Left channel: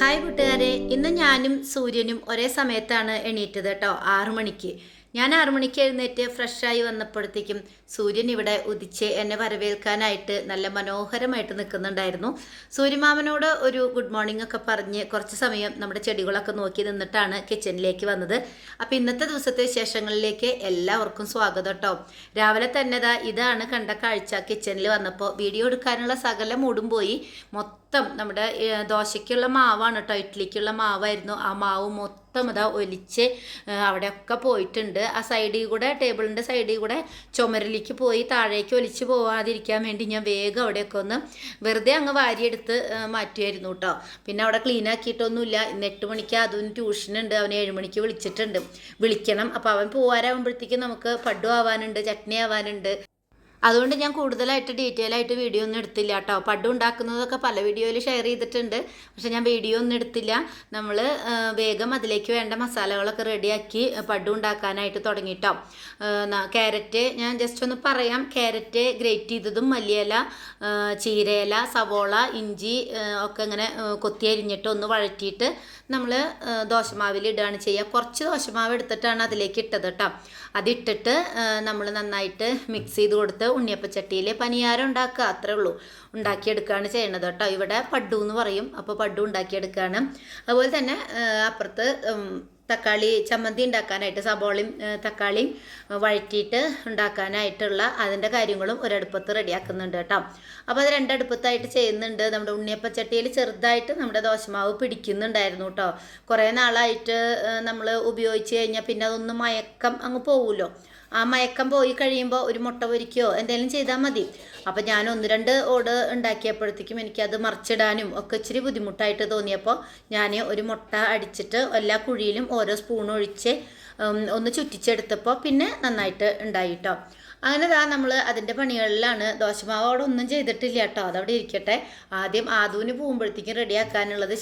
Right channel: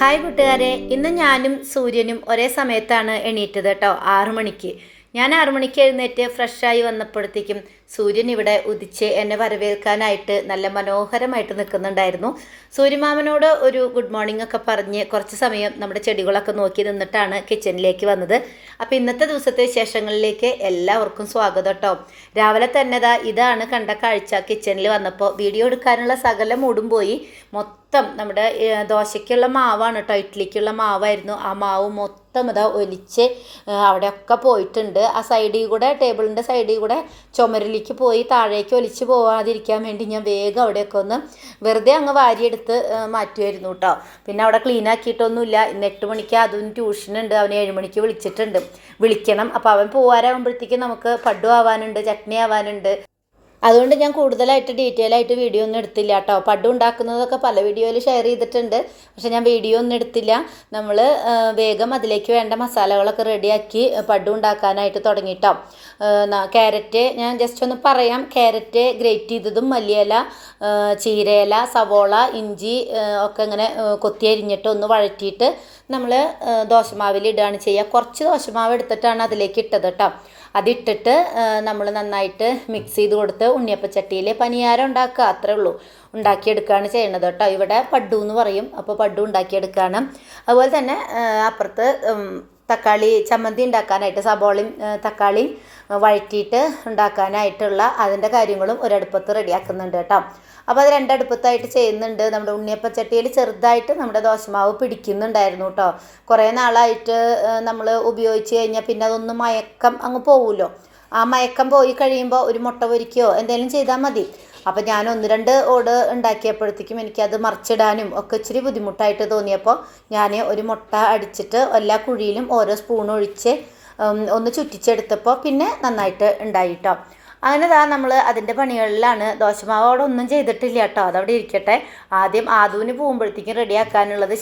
Hi കൂട്ടുകാരെ, ഇന്ന് ഞാനും സൂര്യനും ഒരേ സമയത്താണ് എണീറ്റത് കേട്ടോ. 6 മണിക്ക് ഞാൻ 6 മണിക്ക് എഴുന്നേറ്റ് ഫ്രഷായി വന്നപ്പോഴത്തേക്കും സൂര്യൻ ഇവിടെ ഉദിച്ച് എന്നെ വരവേൽക്കാനായിട്ട് നല്ല മനോഹരമായിട്ട് നിൽക്കുന്നുണ്ടായിരുന്നു. സൂര്യമാമനോട് ഒരു ഗുഡ് മോർണിംഗ് ഒക്കെ പറഞ്ഞ് കുറച്ച് സമയം നമ്മുടെ ചെടികളൊക്കെ നോക്കി നിന്നിട്ടാണ് കിച്ചണിലേക്ക് വന്നത്. അപ്പോൾ ഇന്നത്തെ ദിവസത്തെ വിശേഷങ്ങളിലേക്ക് എല്ലാവർക്കും സ്വാഗതം കേട്ടോ. രാവിലെ തന്നെ ഇതാണ് കണ്ട കാഴ്ച. കിച്ചണിൽ വന്നപ്പോൾ വീഡിയോ എടുക്കാനുള്ള സകല മൂടും പോയി. മൊത്തം നമ്മുടെ ദോശയ്ക്കുള്ള മാവാണ് കേട്ടോ, ഇഡ്ഡലിക്കുള്ള മാവായിരുന്നു. ആ മാവ് മൊത്തം ഒലിച്ച് അവിടെയൊക്കെ പോയിട്ടുണ്ട്. ആ സൈഡിൽ കൂടെ, ടേബിളിൻ്റെ സൈഡിൽ കൂടെ ചുമരിലേക്ക് പോയി താഴേക്ക് ഒലിച്ച് പോകാതിരിക്കാൻ വേണ്ടി ഞാൻ വേഗം അവിടെയൊക്കെ ഒന്ന് വെറുതെ അങ്ങ് വാരിയെടുത്ത് മാറ്റിയായിരുന്നു കേട്ടോ. പിന്നെ അവിടെ ക്ലീൻ ആക്കിയിട്ടൊന്നുമില്ല. ഇന്ന് 8 മണിക്ക് അതിന് ട്യൂഷനുണ്ട്. അവന് 7 മണിക്ക് വിളിക്കണം. അപ്പോൾ അവൻ പോകാനാകുമ്പോഴത്തേക്കും നമുക്ക് പഡു ആവാനുണ്ട്, ചട്നി ആവാനുണ്ട്. അതുകൊണ്ട് ഞാൻ കൂടുതലായിട്ട് ഡീറ്റെയിൽ ആയിട്ട് വീഡിയോ ഒന്നും എടുത്തില്ല കേട്ടോ. പഡു ഉണ്ടാക്കുന്നതൊക്കെ പല വീഡിയോയിൽ ഷെയർ ചെയ്തിട്ടുണ്ട്, പക്ഷെ ഞാൻ വീഡിയോ ഒന്നും എടുത്തില്ല. നമ്മൾ വേഗം അതിലേക്ക് വേണ്ട മസാലകളൊക്കെ റെഡിയാക്കി പഡു ഉണ്ടാക്കാനായിട്ട് തുടങ്ങിയിട്ടോ. ക്യാരറ്റ് ഞാൻ ജസ്റ്റ് ഒന്ന് പറയാം. ക്യാരറ്റ് ഗ്രേറ്റ് ചെയ്തതും, മല്ലിയില, ചീരയില, സവോള, ഇഞ്ചി ഒക്കെ ഇങ്ങനെ കൊത്തി അരിഞ്ഞിട്ട് ഒന്ന് വഴറ്റിയിട്ട് നമ്മൾ ദോശമാവിൽ ഇടുകയാണ് ചെയ്യുക. കുറച്ച് ദോശമാവ് എടുത്തിട്ടാണ് അതിലേക്ക് ഇട്ടത് കേട്ടോ. അതിട്ടിട്ട് നമ്മൾ നന്നായിട്ട് മിക്സ് ചെയ്ത് കൊടുത്ത് ഉണ്ണിയപ്പച്ചട്ടിയിൽ പനിയാരം ഉണ്ടാക്കുക, അത്രേ ഉള്ളൂ. ഉണ്ടാക്കിയെടുക്കുകയാണ് ചെയ്യണത് കേട്ടോ. ഇവിടെ പഡു എന്ന് പറയും. അപ്പോൾ പഡു ഉണ്ടാക്കിയെടുക്കുകയാണ്. അതുപോലെ തന്നെ അപ്പുറത്ത് തക്കാളി ചമ്മന്തി ഉണ്ടാക്കാനായിട്ട് സബോളയും തക്കാളിയും വഴറ്റിയിട്ട് ഉണ്ടാക്കാനായിട്ടുള്ള അതിൻ്റെ കാര്യങ്ങളും ഒരടുപ്പത്ത് റെഡിയാക്കുന്നുണ്ട് കേട്ടോ. അപ്പോൾ അത് രണ്ടടുപ്പത്തായിട്ട് ചെയ്യുന്നുണ്ട്. നമ്മുടെ ഉണ്ണിയപ്പച്ചട്ടിയിൽ ചെറുതായിട്ട് നമ്മുടെ ദോശമാവ് പിടിക്കുന്നുണ്ടായിരുന്നു കേട്ടോ. കുറേ നാളായിട്ട് നമ്മൾ ഉപയോഗിച്ച് കഴിഞ്ഞാൽ പിന്നെ അതൊന്ന് മയക്കം അങ്ങ് പോകുമല്ലോ. ആ മയക്കം പോയി കഴിയുമ്പോൾ ഒരു മുട്ട പൊരിക്കുകയോ എന്തെങ്കിലും ചെയ്താൽ മതി. അപ്പോൾ ഞാൻ 1-2 ഓട് ഉണ്ടാക്കിയപ്പോഴത്തേക്കും എനിക്കത് മറിച്ചിടാനും ഒക്കെ ഇച്ചിരി ബുദ്ധിമുട്ടായിട്ട് തോന്നിയപ്പോൾ ഞാൻ ഒരു മുട്ട അടിച്ചിട്ട് എല്ലാ കുഴിയിലും ഓരോ സ്പൂൺ ഒഴിച്ച് ഒന്ന് ചുറ്റിച്ചെടുത്തപ്പോൾ പിന്നെ നന്നായിട്ട് ഉണ്ടായി കേട്ടോ. അങ്ങനെ നമ്മൾ അതിൻ്റെ പണികളിലാണ്. ദോശമാവ് അവിടെ ഒന്നും ചെയ്തിട്ടില്ല കേട്ടോ, അതവിടെ ഇരിക്കട്ടെ. ആദ്യം ആദൂന് പോകുമ്പോഴത്തേക്കും റെഡിയാക്കാനുള്ളത്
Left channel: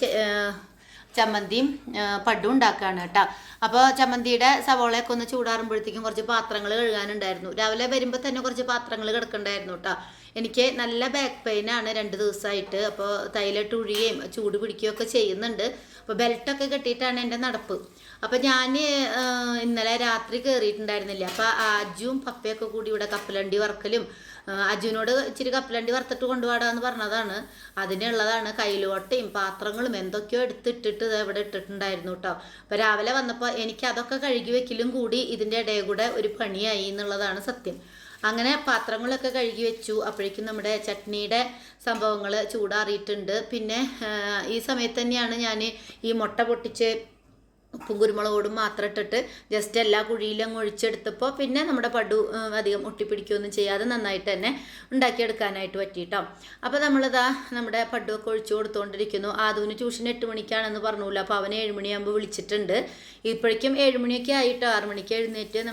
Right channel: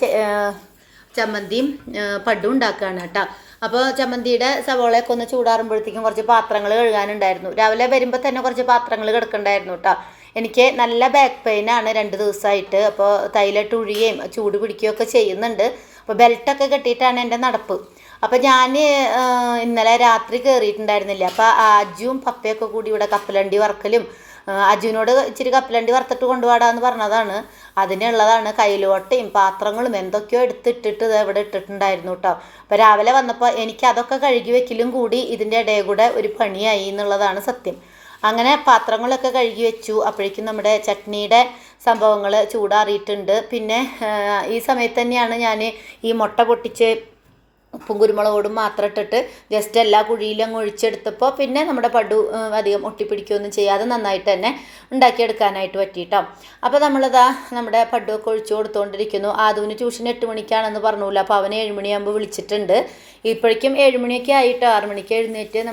ചമ്മന്തിയും പഡും ഉണ്ടാക്കുകയാണ് കേട്ടോ. അപ്പോൾ ചമ്മന്തിയുടെ സവോളയൊക്കെ ഒന്ന് ചൂടാറുമ്പോഴത്തേക്കും കുറച്ച് പാത്രങ്ങൾ കഴുകാനുണ്ടായിരുന്നു. രാവിലെ വരുമ്പോൾ തന്നെ കുറച്ച് പാത്രങ്ങൾ കിടക്കണ്ടായിരുന്നു കേട്ടോ. എനിക്ക് നല്ല ബാക്ക് പെയിനാണ് 2 ദിവസമായിട്ട്. അപ്പോൾ തൈലിട്ട് ഉഴിയുകയും ചൂട് പിടിക്കുകയും ഒക്കെ ചെയ്യുന്നുണ്ട്. അപ്പോൾ ബെൽറ്റൊക്കെ കെട്ടിയിട്ടാണ് എൻ്റെ നടപ്പ്. അപ്പോൾ ഞാൻ ഇന്നലെ രാത്രി കയറിയിട്ടുണ്ടായിരുന്നില്ല. അപ്പോൾ അജുവും പപ്പയൊക്കെ കൂടി ഇവിടെ കപ്പലണ്ടി വറക്കലും, അജുവിനോട് ഇച്ചിരി കപ്പലണ്ടി വറുത്തിട്ട് കൊണ്ടുപോകാമെന്ന് പറഞ്ഞതാണ്. അതിനുള്ളതാണ് കയ്യിലോട്ടയും പാത്രങ്ങളും എന്തൊക്കെയോ എടുത്തിട്ടിട്ട് ഇവിടെ ഇട്ടിട്ടുണ്ടായിരുന്നു കേട്ടോ. അപ്പോൾ രാവിലെ വന്നപ്പോൾ എനിക്ക് അതൊക്കെ കഴുകി വെക്കലും കൂടി ഇതിൻ്റെ ഇടയിൽ കൂടെ ഒരു പണിയായി എന്നുള്ളതാണ് സത്യം. അങ്ങനെ പാത്രങ്ങളൊക്കെ കഴുകി വെച്ചു. അപ്പോഴേക്കും നമ്മുടെ ചട്നിയുടെ സംഭവങ്ങൾ ചൂടാറിയിട്ടുണ്ട്. പിന്നെ ഈ സമയത്ത് തന്നെയാണ് ഞാൻ ഈ മുട്ട പൊട്ടിച്ച് ഉപ്പും കുരുമുളകോടും മാത്രം ഇട്ടിട്ട് ജസ്റ്റ് എല്ലാ കുഴിയിലും അങ്ങ് ഒഴിച്ചെടുത്തപ്പോൾ പിന്നെ നമ്മുടെ പഡു അധികം ഒട്ടിപ്പിടിക്കുകയൊന്നും ചെയ്യാതെ നന്നായിട്ട് തന്നെ ഉണ്ടാക്കിയെടുക്കാനായിട്ട് പറ്റിയിട്ടോ. അപ്പോൾ നമ്മുടെ പഡുവൊക്കെ ഒഴിച്ചു കൊടുത്തുകൊണ്ടിരിക്കുന്നു. ആദൂന് ട്യൂഷൻ 8 മണിക്കാണെന്ന് പറഞ്ഞില്ല. അപ്പോൾ അവന് 7 മണിയാകുമ്പോൾ വിളിച്ചിട്ടുണ്ട്. ഇപ്പോഴേക്കും 7 മണിയൊക്കെ ആയിട്ടോ. 6 മണിക്ക് എഴുന്നേറ്റ്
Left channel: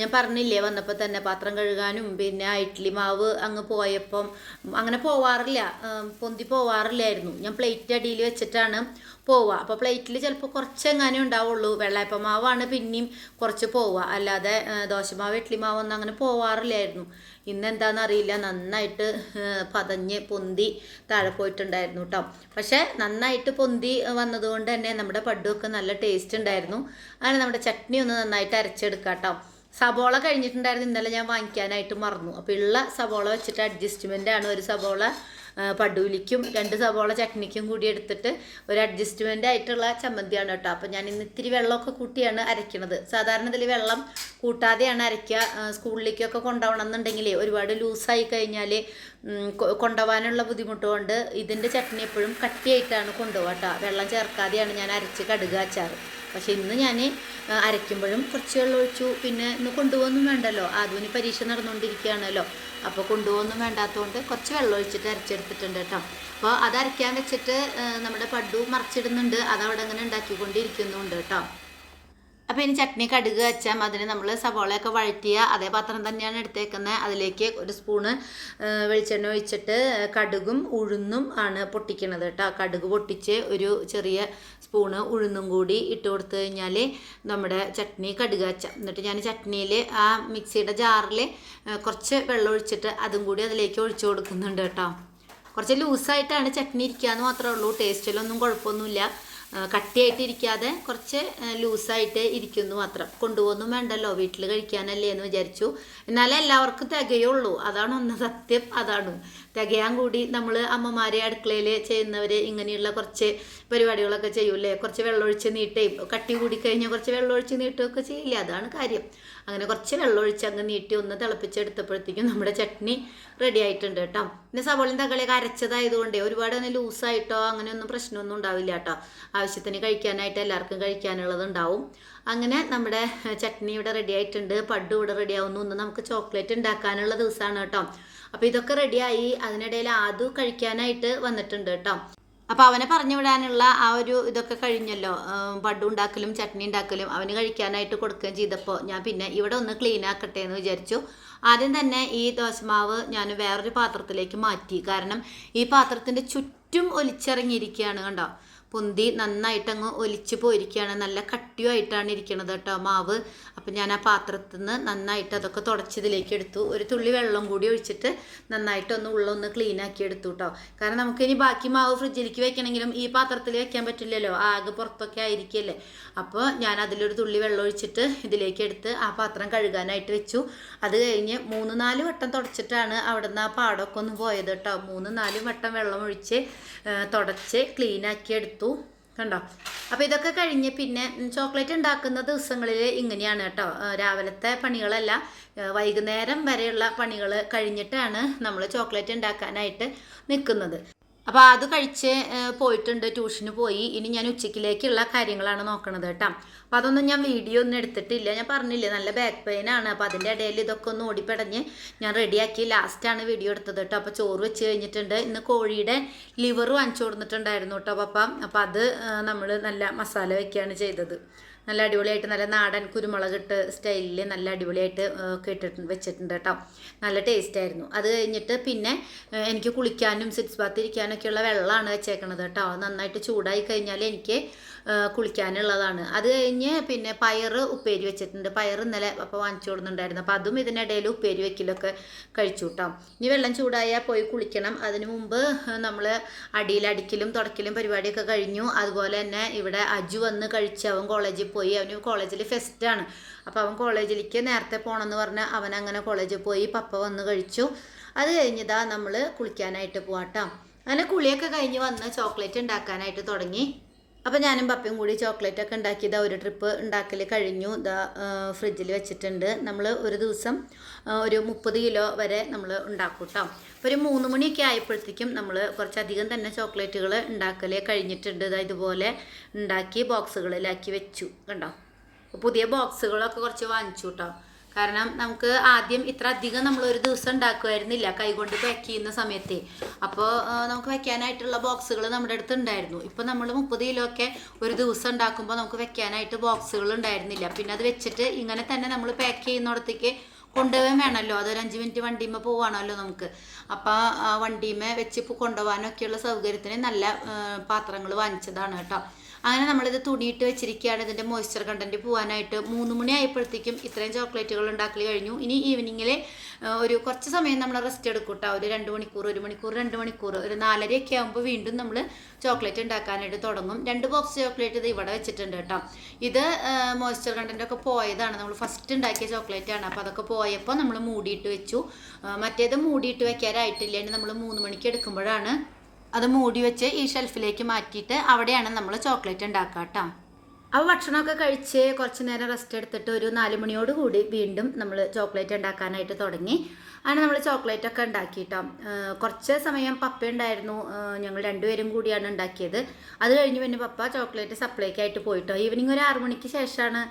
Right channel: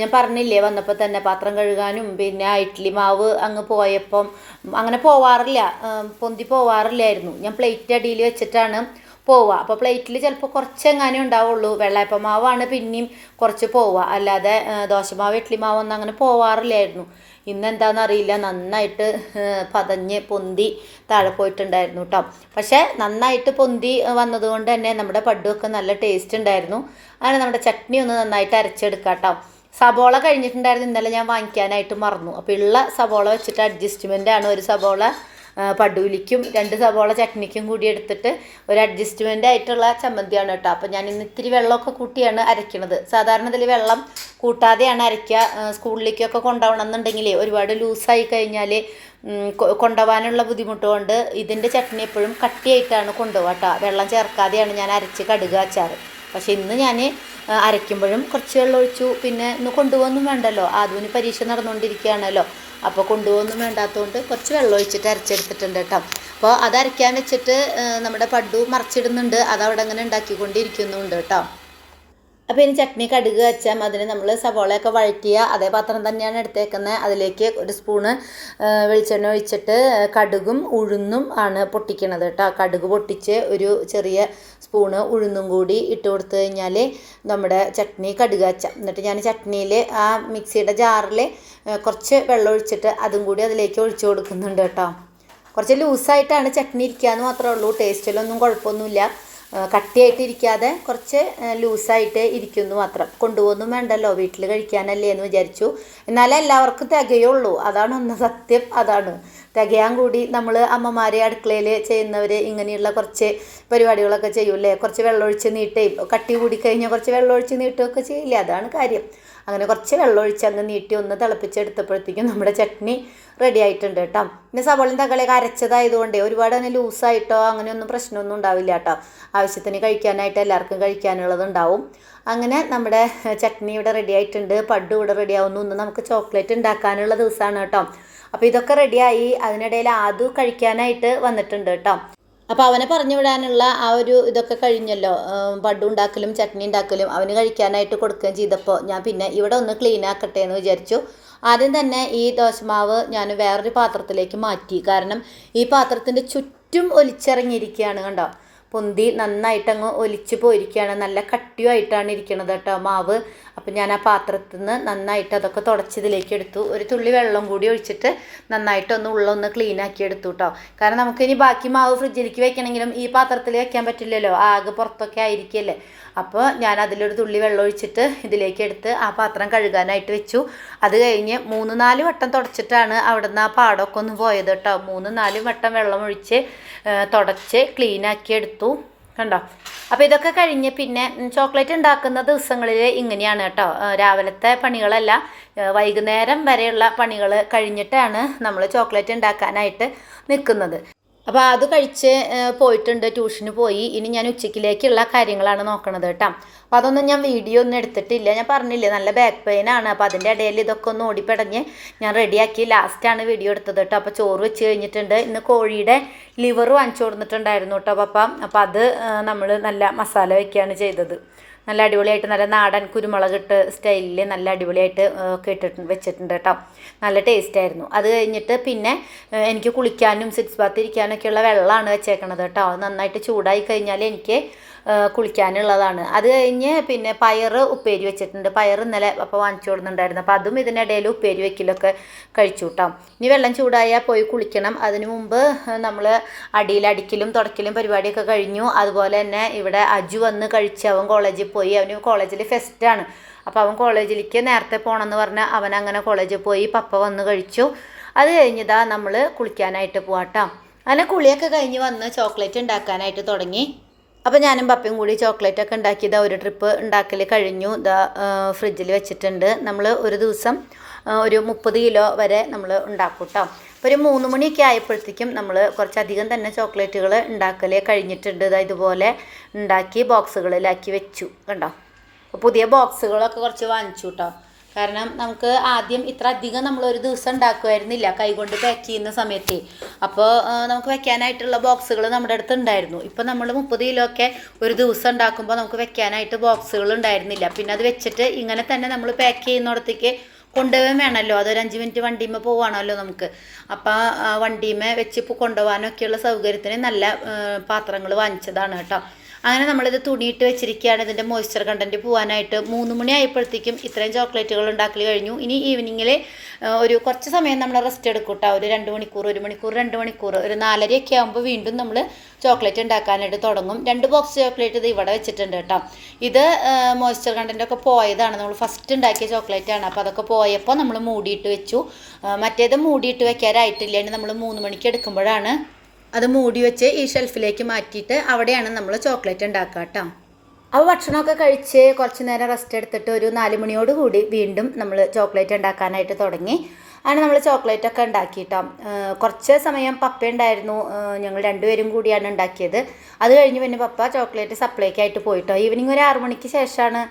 ഞാൻ പറഞ്ഞില്ലേ വന്നപ്പോൾ തന്നെ പാത്രം കഴുകാനും പിന്നെ ഇഡ്ഡലി മാവ് അങ്ങ് പോയപ്പം അങ്ങനെ പോവാറില്ല, പൊന്തി പോവാറില്ലായിരുന്നു. ഞാൻ പ്ലേറ്റ് അടിയിൽ വെച്ചിട്ടാണ് പോവുക. അപ്പോൾ പ്ലേറ്റിൽ ചിലപ്പോൾ കുറച്ചെങ്ങാനേ ഉണ്ടാവുള്ളൂ. വെള്ളയപ്പമാവാണ് പിന്നെയും കുറച്ച് പോവുക, അല്ലാതെ ദോശമാവ് ഇഡ്ഡലി മാവൊന്നും അങ്ങനെ പോവാറില്ലായിരുന്നു. ഇന്നെന്താണെന്നറിയില്ല, നന്നായിട്ട് പതഞ്ഞ് പൊന്തി താഴെ പോയിട്ടുണ്ടായിരുന്നു കേട്ടോ. പക്ഷേ നന്നായിട്ട് പൊന്തി വന്നതുകൊണ്ട് തന്നെ നമ്മുടെ പഡുവൊക്കെ നല്ല ടേസ്റ്റ് ഉണ്ടായിരുന്നു. അങ്ങനെ നമ്മുടെ ചട്നി ഒന്ന് നന്നായിട്ട് അരച്ചെടുക്കാം കേട്ടോ. സബോള കഴിഞ്ഞിട്ടുണ്ടായിരുന്നു, ഇന്നലെ ഞാൻ വാങ്ങിക്കാനായിട്ട് മറന്നു. അപ്പോൾ ഉള്ള സബോള വെച്ചിട്ട് അഡ്ജസ്റ്റ്മെൻ്റാണ്. ഒരു സബോള പഡുവിലിക്കും 2 സബോള ചട്നിക്കും കൂടി എടുത്തിട്ട് ഒരു അഡ്ജസ്റ്റ്മെൻ്റ് ആയിട്ടുള്ള ചമ്മന്തിയാണ് കേട്ടോ. അപ്പോൾ ഞാൻ ഇന്ന് ഇത്തിരി വെള്ളമൊക്കെ കൂട്ടിയാണ് അരയ്ക്കുന്നത്. സാധാരണ ഇതിൽ വെള്ളം കൂട്ടാതെയാണ് അരയ്ക്കുക. സ്കൂളിലേക്കൊക്കെ കൊണ്ടുപോകണം എന്നുണ്ടെങ്കിൽ ഒരുപാട് ലൂസായി കഴിഞ്ഞാൽ കൊണ്ടുപോകാനുള്ള ബുദ്ധിമുട്ട് കൊണ്ട് ഇതിൻ്റെ ചട്നി എപ്പോഴും കട്ടിയായിട്ടാണ് കൊണ്ടുപോകുക കേട്ടോ. വെള്ളം ചേർക്കാതെയാണ് ഞാൻ അരച്ച് കടുക് അച്ചാറ്. പക്ഷേ ഇന്ന് ഞാൻ അരയ്ക്കുമ്പോഴും കുറച്ച് വെള്ളം ഒഴിച്ചു. പിന്നെ ഇന്ന് കൊണ്ടുപോകൊന്നും വേണ്ടല്ലോ, ആദ്യം പരീക്ഷ നടന്നുകൊണ്ടിരിക്കുകയാണല്ലോ. അപ്പോൾ കൊണ്ടുപോകൊന്നും വേണ്ടാത്തതുകൊണ്ട് കുറച്ച് വെള്ളം ഒഴിച്ചിട്ട് അരച്ചെടുത്തിട്ടുണ്ട് കേട്ടോ. അപ്പോൾ അത് അരയ്ക്കാൻ വെച്ചിട്ട് നമ്മുടെ പഡു മറിച്ചിടുന്നുണ്ട്. അതവിടെ അങ്ങനെ ഉണ്ടാക്കിക്കൊണ്ടിരിക്കുന്നുണ്ട് കേട്ടോ. അപ്പോൾ ഇനി ചട്നി കടുക് വെച്ചാൽ അതിന് നമ്മൾ സവോളയൊക്കെ വഴറ്റിയ അതേ പാത്രം തന്നെയാണ് എടുത്തേക്കുന്നത്. അതിലേക്ക് 1 സ്പൂണ് വെളിച്ചെണ്ണ ഒഴിച്ചിട്ട് കടുകും ഉഴുന്നും ആണ് പൊട്ടിക്കണത് കേട്ടോ. കടുക് പൊട്ടിച്ച് ഒരു ചെറിയ സ്പൂണ് ഉഴുന്നും കൂടി ഇട്ട് കൊടുത്തു കഴിഞ്ഞാൽ നമ്മുടെ ചട്നി കടുക് വെച്ചാൽ. എന്നിട്ട് ഞാൻ ചട്നിയിൽ ആ മിക്സിയുടെ ജാറിൽ കുറച്ച് വെള്ളം ഒഴിച്ചിട്ട് അതും കൂടി അതിലേക്ക് ഒഴിച്ചു കൊടുക്കുന്നുണ്ട് കേട്ടോ. കുറച്ച് ലൂസായിട്ടാണ് ചട്നി ഇരിക്കുക എന്ന് മാത്രമേ ഉള്ളൂ. ടേസ്റ്റിലൊന്നും കുഴപ്പമൊന്നുമില്ല. കട്ടിയായിട്ടിരിക്കാതെ കുറച്ച് ലൂസായിട്ട് ഇരിക്കുന്നു മാത്രം. കൊണ്ടുപോകുന്നു വേണ്ടല്ലോ, വീട്ടിൽ കഴിക്കാനല്ലേ എന്ന് വിചാരിച്ചു. എന്നാലേ എല്ലാവർക്കും തികയുള്ളൂ. അതാണ് ഒന്ന് സത്യം. അതാണ് തികയാൻ കൂടി നമ്മൾ അമ്മമാരെ അടുക്കളയിൽ ചെയ്യുന്നവർ ഇങ്ങനെയുള്ള കുറച്ച് പരിപാടികളൊക്കെ ചെയ്യൂലേ. കുറച്ച് വെള്ളമൊഴിച്ച് നീട്ടുകയും കട്ടി കൂടിക്കഴിഞ്ഞാൽ കുറച്ച് വെള്ളമൊഴിച്ച് നീട്ടുകയൊക്കെ ചെയ്യില്ലേ. അതാണ് കാര്യം. അങ്ങനെ കുറച്ച് വെള്ളമൊഴിച്ച് അങ്ങ് നീട്ടി ഒന്ന് തിളപ്പിച്ചെടുത്തപ്പോഴത്തേക്കും നമ്മുടെ ചട്നി റെഡി ആയിട്ടുണ്ട് കേട്ടോ. പിന്നെ സവോളയും തക്കാളിയൊക്കെ അരച്ചതായതുകൊണ്ട് ഒരുപാട് അങ്ങനെ ലൂസായിട്ടോ അങ്ങനെയൊന്നും പ്രശ്നമൊന്നും ഉണ്ടാവില്ല കേട്ടോ. ആവശ്യത്തിന് കഴിക്കാനായിട്ട് എല്ലാവർക്കും കഴിക്കാനുള്ളത് ഉണ്ടാവും. അങ്ങനെ നമ്മുടെ ചട്നി ഇവിടെ റെഡി ആയിട്ടുണ്ട്. പഡ്ഡു ഇവിടെ റെഡി ആവുന്നു. ഇന്ന് നമുക്ക് ചോക്ലേറ്റ് ഉണ്ടാക്കാനുള്ള ദിവസമാണ് കേട്ടോ. അപ്പോൾ ഇതൊക്കെ റെഡിയായി. അതിനിടയിൽ ആദു കഴിക്കാനായിട്ട് വന്നിട്ടുണ്ട് കേട്ടോ. അപ്പോൾ അവനെ പറഞ്ഞു വിടാനുള്ള ആ ഒരു ഇതൊക്കെ കഴിഞ്ഞല്ലോ. പഡ്ഡു ഉണ്ടാക്കലും ചട്നി ഉണ്ടാക്കലും അവന് കഴിക്കാനായിട്ട് കൊടുക്കുകയും ചെയ്തപ്പോൾ ഞാൻ പിന്നെ ഇവിടെ ഒന്ന് ക്ലീൻ ആക്കട്ടെ എന്ന് വിചാരിച്ചു. ആദ്യം തന്നെ ഈ ദോശമാവ് ഞാൻ വേറൊരു പാത്രത്തിലേക്ക് മാറ്റി. കാരണം ഈ പാത്രത്തിൻ്റെ ചുറ്റും ഒലിച്ചിറങ്ങിയിരിക്കുകയാണ്. കണ്ടോ, പൊന്തി നന്നായിട്ടങ്ങ് ഒലിച്ച് പോയിരിക്കുകയാണ്. നല്ല കട്ടിയുമായിട്ടാണ് ഇരിക്കണത് കേട്ടോ മാവ്. അപ്പം ഞാൻ ആ പാത്രത്തിൽ നിന്ന് നന്നായിട്ട് അതൊക്കെ തുടച്ചതിലേക്ക് എടുത്തു. ഒരു തുള്ളി വെള്ളം കൂടി ഒഴിച്ചിട്ട് നന്നായിട്ടൊന്ന് ഉള്ളൊന്ന് ക്ലീൻ ആക്കി എടുത്തു കേട്ടോ. കാരണം നമുക്കിനി ബാക്കി മാവ് ഫ്രിഡ്ജിലേക്ക് വെക്കണമെങ്കിലും ഈ പാത്രത്തിൽ വെക്കാൻ പറ്റില്ലല്ലോ, ആകെ പുറത്തൊക്കെ ആയിരിക്കുമല്ലേ. അപ്പോൾ ഞാൻ അതിലൊരു തുള്ളി വെള്ളം ഒഴിച്ചിട്ട് ഇതിലേക്ക് എടുത്ത് ആ പാത്രം കഴുകാനായിട്ട് വെച്ചു. അത് കഴിഞ്ഞ് 3-4 വട്ടം തുടച്ചിട്ടാണ് അവിടെ നിന്ന് ആ പാടമൊക്കെ ഒന്ന് പോയത് കേട്ടോ. 3-4 വട്ടം വെള്ളം ഒഴിച്ച് തുടച്ച് ക്ലീനാക്കി എടുത്തു. കണ്ടോ. അപ്പോൾ ഇതൊക്കെ കഴിഞ്ഞ് പിന്നെ ചോക്ലേറ്റ് ഉണ്ടാക്കുന്ന ദിവസങ്ങളിൽ ഇങ്ങനെയാണ് കേട്ടോ. രാവിലത്തെ പണികളല്ല, വൈകുന്നേരം വരെയുള്ള പണികൾ കഴിഞ്ഞിട്ടാണ് നമ്മൾ ചോക്ലേറ്റ് ഉണ്ടാക്കാനായിട്ട് നിൽക്കുന്നത്. അപ്പോൾ അത് കഴിച്ച് പോയിട്ടുണ്ട്, ട്യൂഷന് പോയി. ഇനി ഞാൻ ഉച്ചയ്ക്കിലേക്കുള്ള കാര്യങ്ങളാണ് നോക്കണത് കേട്ടോ. അപ്പോൾ അതൊന്നും ഞാൻ വീഡിയോ ഒന്നും എടുത്തിട്ടില്ല. ഞാൻ പറഞ്ഞില്ലേ നല്ല ബാക്ക് പെയിനാണ്. അപ്പോൾ അതിൻ്റെ ഇടയിൽ ഇതൊക്കെ ഒന്ന് ഓടിപ്പടഞ്ഞ് ഞാൻ റെഡിയാക്കി ലാസ്റ്റാണ് വീഡിയോ എടുത്തത് കേട്ടോ. അപ്പോൾ ചോറ് വെച്ച് കഴിഞ്ഞിട്ടുണ്ട്. ഇന്ന് കോഴിയുടെ ലിവർ വാങ്ങിച്ചു കൊടുത്തിട്ടുണ്ടായിരുന്നു കേട്ടോ പപ്പ. അപ്പോൾ അത് നമ്മൾ നല്ല മസാല വയ്ക്കുകയാണ് ചെയ്തത്. നല്ല അടിപൊളിയായിട്ട് നല്ല നാടൻ കുരുമുളകിട്ട് സ്റ്റൈലിൽ നല്ല അടിപൊളിയായിട്ട് ഒക്കെ വെച്ചിട്ടുണ്ട് കേട്ടോ. നല്ല ടേസ്റ്റായിരുന്നു. അത് കഴിഞ്ഞിട്ട് പിന്നെ എനിക്ക് കുളിക്കാനും സിക്സ് ബാത്ത് ഇരിക്കാനൊക്കെയുള്ള വെള്ളമാണ് വെച്ചേക്കണത് കേട്ടോ. നന്നായിട്ട് ചൂടായി കഴിഞ്ഞാൽ എനിക്ക് കുളിക്കാനുള്ളതാണ്. അത് കഴിഞ്ഞ് പിന്നെ പയർ ഉപ്പേരി വെച്ചിട്ടുണ്ട്. പയർ ഇന്നലെ അപ്പോൾ വാങ്ങിച്ചു കൊടുക്കുന്നുണ്ടായിരുന്നു. അപ്പോൾ അതും ഇതിനിടയിൽ ഉപ്പേരി വെക്കലൊക്കെ കഴിച്ചു കേട്ടോ. ഇനി വെള്ളം ചൂടായാൽ പോയി കുളിക്കണം. അതിനു മുമ്പ് നമ്മൾ അടിയിലടിക്കലും തുടക്കലും പരിപാടിയൊക്കെ കഴിഞ്ഞു. അതുപോലെ തന്നെ ഇവിടെ അജു വന്ന് കഴിച്ച് അവൻ കോളേജിൽ പോയി. അവന് കോളേജിൽ ഫെസ്റ്റാണ്. അപ്പോൾ അവൻ കോളേജിലേക്ക് നേരത്തെ പോകണമെന്ന് പറഞ്ഞാൽ അവൻ അങ്ങനെ കോളേജിൽ പോയി. പപ്പ വന്ന് കഴിച്ചു. അത് കഴിഞ്ഞതാ നമ്മൾ കുളിക്കാനായിട്ട് പോവാട്ടോ. അങ്ങനെ കുളിയൊക്കെ കഴിഞ്ഞ് വന്ന് ചോക്ലേറ്റ് ഉണ്ടാക്കാനായിട്ട് തുടങ്ങി. അപ്പോൾ ഞാനും പപ്പയും കൂടി ചോക്ലേറ്റൊക്കെ ഉണ്ടാക്കിയത് ഒരു ട്രിപ്പ് ഉണ്ടാക്കൽ കഴിഞ്ഞു. ഇതാ ഫ്രിഡ്ജിൽ വെച്ചിട്ടുണ്ട്. നമ്മൾ ഒരു ദിവസം ഒരു 30 കിലോ വരെ നമ്മൾ ഉണ്ടാക്കും കേട്ടോ. അപ്പോൾ ഒരു 3 മണിയൊക്കെ ആയപ്പോഴത്തേക്കും നമ്മൾ കുറച്ചധികം തന്നെ ചോക്ലേറ്റുകൾ ഉണ്ടാക്കൽ കഴിഞ്ഞിട്ടുണ്ട്. ഇതുപോലെ ഉണ്ടാക്കി ബോക്സുകളിലാക്കി വെച്ചു. കണ്ടോ. പുതിയ ബോക്സുകളൊക്കെ കുറച്ച് വാങ്ങിച്ചു കേട്ടോ. കാരണം നമുക്ക് ആദ്യം ഇത്ര അധികം നമ്മളൊരു ദിവസം ഉണ്ടാക്കുമായിരുന്നില്ല കൈകൊണ്ട് പാക്ക് ചെയ്യുന്ന സമയത്ത്. അപ്പോൾ നമുക്ക് വെക്കാനായിട്ടുള്ള ബോക്സുകൾ നമ്മുടെ അടുത്ത് ഉണ്ടായിരുന്നു. ഇപ്പോൾ നമ്മൾ 30 കിലോ ഒക്കെ ഒരു ദിവസം ഉണ്ടാക്കുമ്പോൾ നമുക്ക് വെക്കാനായിട്ട് ബോക്സുകൾ ഉണ്ടായിരുന്നില്ല. പിന്നെ അത് വെച്ചിട്ട് ഇങ്ങനെ തന്നെ നമ്മൾ പാക്ക് ചെയ്യുന്നിടത്തേക്ക് കൊണ്ടുപോകാൻ വേണമല്ലോ. അതൊരു 5 മിനിറ്റ് വണ്ടിയുമ്മ പോവാണല്ലോ നമുക്ക്. അപ്പോൾ വണ്ടിയുമ്മ വെച്ച് കൊണ്ടുപോകാനൊക്കെയുള്ള സൗകര്യത്തിന് നല്ല പാത്രങ്ങൾ വാങ്ങിച്ചതാണ് കേട്ടോ. അങ്ങനെ നമ്മളിത് തുണിയിട്ട് വെച്ചിരിക്കുകയാണ് ഇതിൻ്റെ മോയ്സ്ചർ കണ്ടൻറ്റ് പോകാനായിട്ട്. 3 മണി ആയപ്പോഴത്തേക്കും ഇത്രയും ചോക്ലേറ്റുകൾ ഉണ്ടാക്കൽ കഴിഞ്ഞു. ഇനി ഈവനിങ്ങിൽ ഒരു കുറച്ച് സമയം നമ്മൾ റെസ്റ്റ് എടുക്കും കേട്ടോ. ഒരു 2 മണിക്കൂർ 1 മണിക്കൂർ 2 മണിക്കൂർ ഒരു 4:30 ആകുമ്പോൾ വീണ്ടും നമ്മൾ ചോക്ലേറ്റ് ഉണ്ടാക്കാനായിട്ട് തുടങ്ങും. 2 ബോക്സ് ചോക്ലേറ്റ് ഇത് ഇവിടെ വെച്ചിട്ടുണ്ട് കേട്ടോ. ഇത് മോയ്സ്ചർ കണ്ടൻറ്റൊക്കെ പോയതാണ്. നമ്മൾ ഫസ്റ്റ് ഉണ്ടാക്കിയ ചോക്ലേറ്റാണ്. അപ്പോൾ അതൊക്കെ പോയപ്പോൾ നമ്മൾ മൂടിയിട്ട് വെച്ചു. മറ്റേത് മൂടിയിട്ട് വെക്കാനായിട്ടില്ല. ഇനി നമ്മൾ 3 മണിക്ക് എടുക്കുമ്പോഴാണ് അത് മൂടി വെച്ച് ഈ ഷെൽഫിലേക്ക് മാറ്റിയിട്ട് അവിടെയാണ് നമ്മൾ ചോക്ലേറ്റ് ഉണ്ടാക്കുക കേട്ടോ. അപ്പോൾ ഭക്ഷണമൊക്കെ കഴിച്ച് കുറച്ച് നേരം റെസ്റ്റ് എടുത്തിട്ട് ഒരു 4 മണിയോട് കൂടി വീണ്ടും നമ്മൾ ചോക്ലേറ്റ് ഉണ്ടാക്കാനായിട്ട് തുടങ്ങി. അങ്ങനെ നമ്മൾ ചോക്ലേറ്റൊക്കെ ഉണ്ടാക്കിയിട്ടോ. കുറച്ച് സമയം പപ്പ ഉണ്ടായിരുന്നു. ഞങ്ങൾ 2 പേരും കൂടിയാണ് ഉണ്ടാക്കിയത്. അത് കഴിഞ്ഞ് പിന്നെ പപ്പ ചോക്ലേറ്റ് സപ്ലൈക്കായിട്ട് പോയിട്ടോ. ഈവനിങ് ഒരു 6 മണിക്ക് ശേഷമാണ്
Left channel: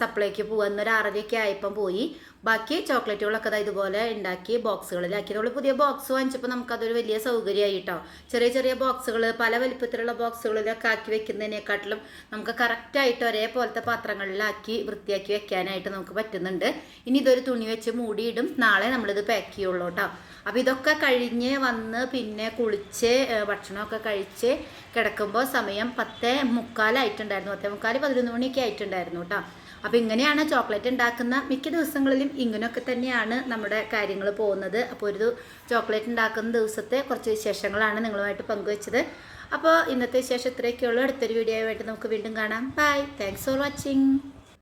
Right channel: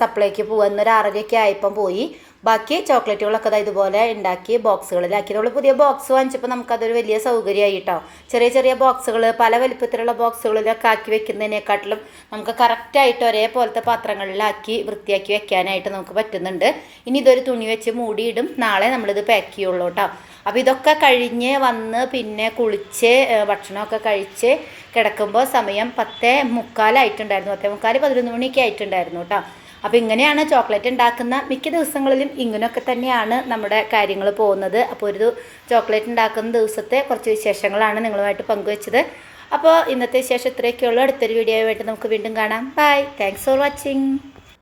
സപ്ലൈക്ക് പോകുന്ന. ഒരു 6:30 ആയപ്പം പോയി. ബാക്കി ചോക്ലേറ്റുകളൊക്കെ ഇതുപോലെ ഉണ്ടാക്കി ബോക്സുകളിലാക്കി. നമ്മൾ പുതിയ ബോക്സ് വാങ്ങിച്ചപ്പോൾ നമുക്കതൊരു വലിയ സൗകര്യമായി കേട്ടോ. ചെറിയ ചെറിയ ബോക്സുകൾ പല വലിപ്പത്തിലുള്ള ബോക്സുകളിലൊക്കെ ആക്കി വെക്കുന്നതിനെക്കാട്ടിലും നമുക്ക് കറക്റ്റായിട്ട് ഒരേപോലത്തെ പാത്രങ്ങളിലാക്കി വൃത്തിയാക്കി വെക്കാനായിട്ട് നമുക്ക് പറ്റുന്നുണ്ട്. ഇനി ഇതൊരു തുണി വെച്ച് മൂടിയിടും. നാളെ നമ്മളിത് പാക്ക് ചെയ്യുള്ളൂ കേട്ടോ. അപ്പോൾ ഇതൊക്കെ കഴിഞ്ഞ് വന്ന് പിന്നെ കുളിച്ച് ഭക്ഷണമൊക്കെ കഴിച്ച് കിടക്കുമ്പോൾ സമയം 10:45 ആയിട്ടുണ്ടായിരുന്നു. 10:45 11 മണിയൊക്കെ ആയിട്ടുണ്ടായിരുന്നു കേട്ടോ. അപ്പോൾ ഇങ്ങനെയാണ് ചോക്ലേറ്റ് ഉണ്ടാക്കുന്ന മിക്ക ദിവസങ്ങളിലും ഇങ്ങനെയൊക്കെ തന്നെയാണ് നമ്മുടെ കാര്യങ്ങൾ പോകുന്നത്. അപ്പോൾ ഒരു ചോക്ലേറ്റ് ഉണ്ടാക്കുന്ന ദിവസത്തെ കുറച്ച് വിശേഷങ്ങളാണ് നിങ്ങളുമായിട്ട് പങ്കുവെച്ചത്. അപ്പോൾ ഇന്നത്തെ വിശേഷം ഇത്രയൊക്കെയുള്ളൂ. അടുത്തൊരു വീഡിയോ ആയിട്ട് നമുക്ക് വീണ്ടും കാണാം. ബൈ. Thanks for watching.